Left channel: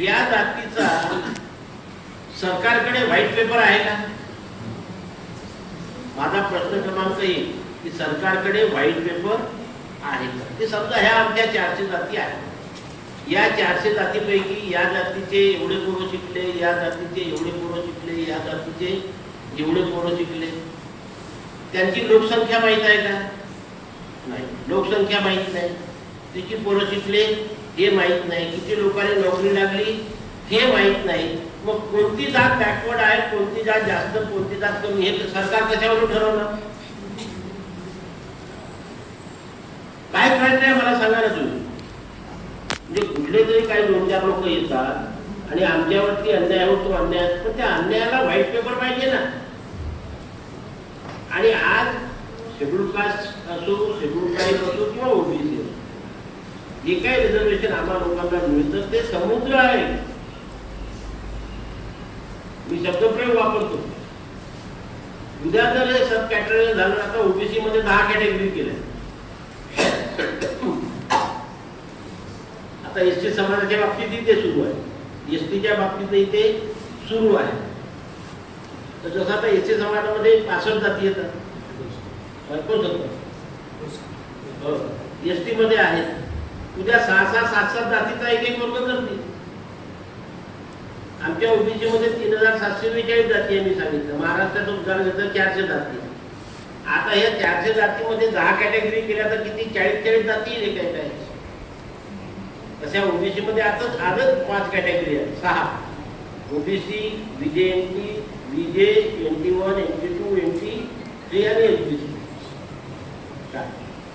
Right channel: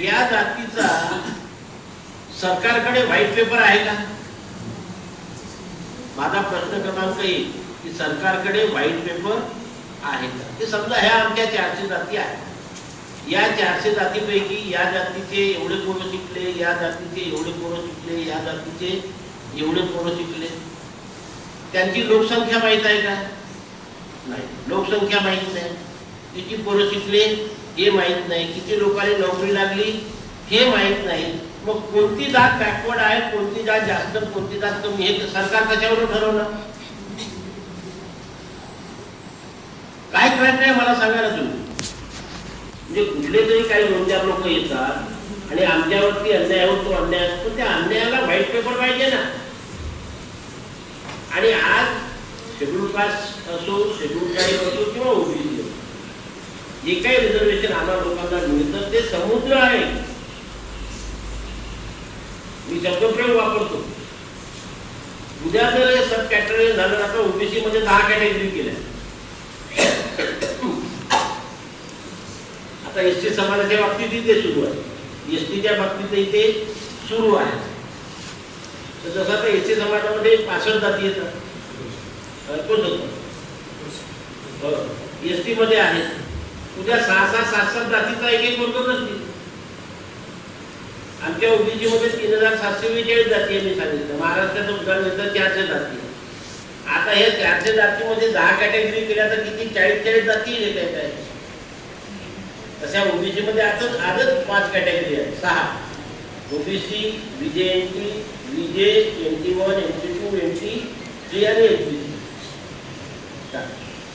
या जातीचा सरकारकडे व्हाईट पेपर आहे का? माझा प्रश्न क्रमांक 1 की सरकारकडे व्हाईट पेपर आहे का? ते समजा ह्या आमच्या 400 जाती आहेत. या 400 जातीपैकी या जातीचे एवढे पोरं शिकले, या जातीचे एवढे पोरं शिकले, या जातीचे एवढे पोरं शिकले. त्यांची लोकसंख्या माहीत आहे का? नाही, लोकसंख्या माहीत नाही. किती पोरं शिकले हे माहीत नाही. किती लोकांनी नोकरी लागली हे माहीत नाही. मग कोणती जात बॅकवर्ड आहे, कोणती जात जास्त, कोणती जात कमी, हे सरकार कशावरून ठरवणार? काय प्रयत्न आहे मला सांगा ना तुम्ही. म्हणजे कुठले तरी काही दोन-चार लोक येतात आणि आमच्यावरती अन्याय होतो, अन्याय असतो, त्या अन्यायाला व्हाईट पेपर पाहिजे ना. आणि आज शेड्यूल कास्ट असो, शेड्यूल ट्राईब असो किंवा ओबीसी असो, जे काही रिझर्वेशन आम्हाला लोकांना मिळतं ते समुद्र आहे. मी शब्दप्रयोग वापरतो. उद्या जर हे सब कॅटेगरी झालं, आता ओबीसी मध्ये 10 कॅटेगरी केल्या. आता एसटी समाजाच्या बाबतीत इथे सुरू आहे, एसटीच्या बाबतीत इथे सुरू आहे. तर जसं आता एसटी समाजामध्ये 65 जाती येतात, एसटी मध्ये आहेत. उद्या 6-6, 7-7 जातीचा एक वर्ग नसतील. आमच्या ओबीसी मध्ये 3742 जाती आहे. मी सांगितलं महाराष्ट्राचं उदाहरण घेतलं 400 जाती. आता हे 400 जातीमध्ये 10 कॅटेगरी केल्या तर किती? 40 जाती येईल काय काय. तशा ओबीसी मध्ये आजच 5 कॅटेगरी आहेत, 6 OBC, VJNT, VJ, NT1, NT2, NT3 आणि एसबीसी.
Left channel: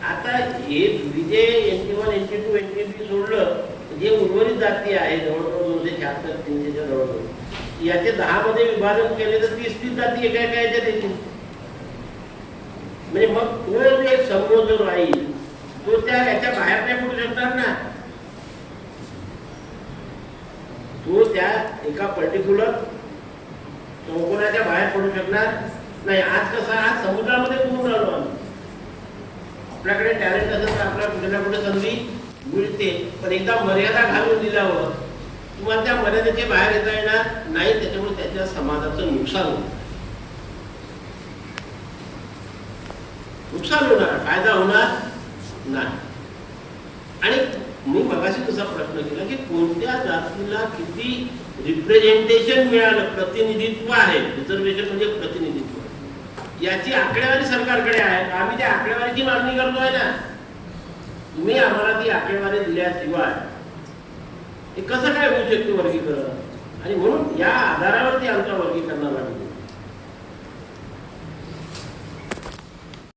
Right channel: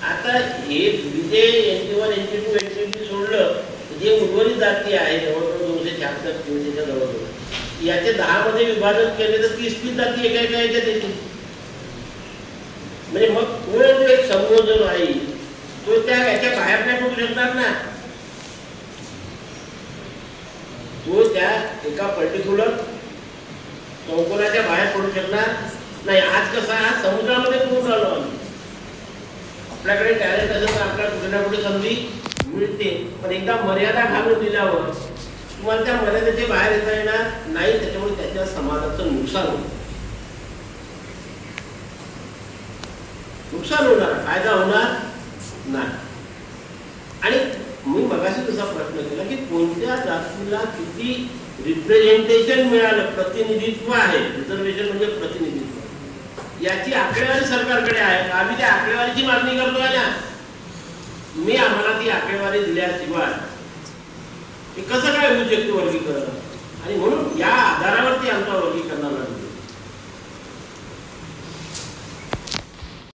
आता हे व्हीजे, NT1, NT2, NT3 सोडलं जे उर्वरित जाती आहे जवळजवळ 276-300च्या जवळजवळ, याचे 10 मध्ये विभाजन केले तर 30 जाती एका एका याच्यात येतील. म्हणजे मग तो जो एक समूह जो राहील तो त्या याच्या बाहेर नाही पडू शकणार ना. तो त्या एका पर्टिक्युलर चौकोनाच्या बाहेर पडू शकणार नाही. आज कसं, आज समुद्रामध्ये पूर्ण आलो आम्ही. आपल्याकडे टॅलेंट असेल तर आपल्याला कुठे ना कुठे संधी मिळते, पण एकदा मर्यादा घालून दिल्यावर तुम्हाला त्या मर्यादेचे बाहेर येता येणार नाही. त्याच्यामुळे त्याच्या समाजाचं नुकसान होईल, नुकसान होणार, फायदा होणार नाही. आणि मी मगाशी तसा प्रश्न केला की कोणत्या जातीला किती रिप्रेझेंटेशन मिळालं, प्रतिनिधित्व आहे. रिझर्वेशन म्हणजे प्रतिनिधित्व, याची आकडेवारी सरकारकडे आहे. आम्ही त्या आकडेवारीची मागणी करतोय ना. तुम्ही आम्हाला ती आकडेवारी दिल्याशिवाय हे कसं काय होऊ शकतं वर्गीकरण?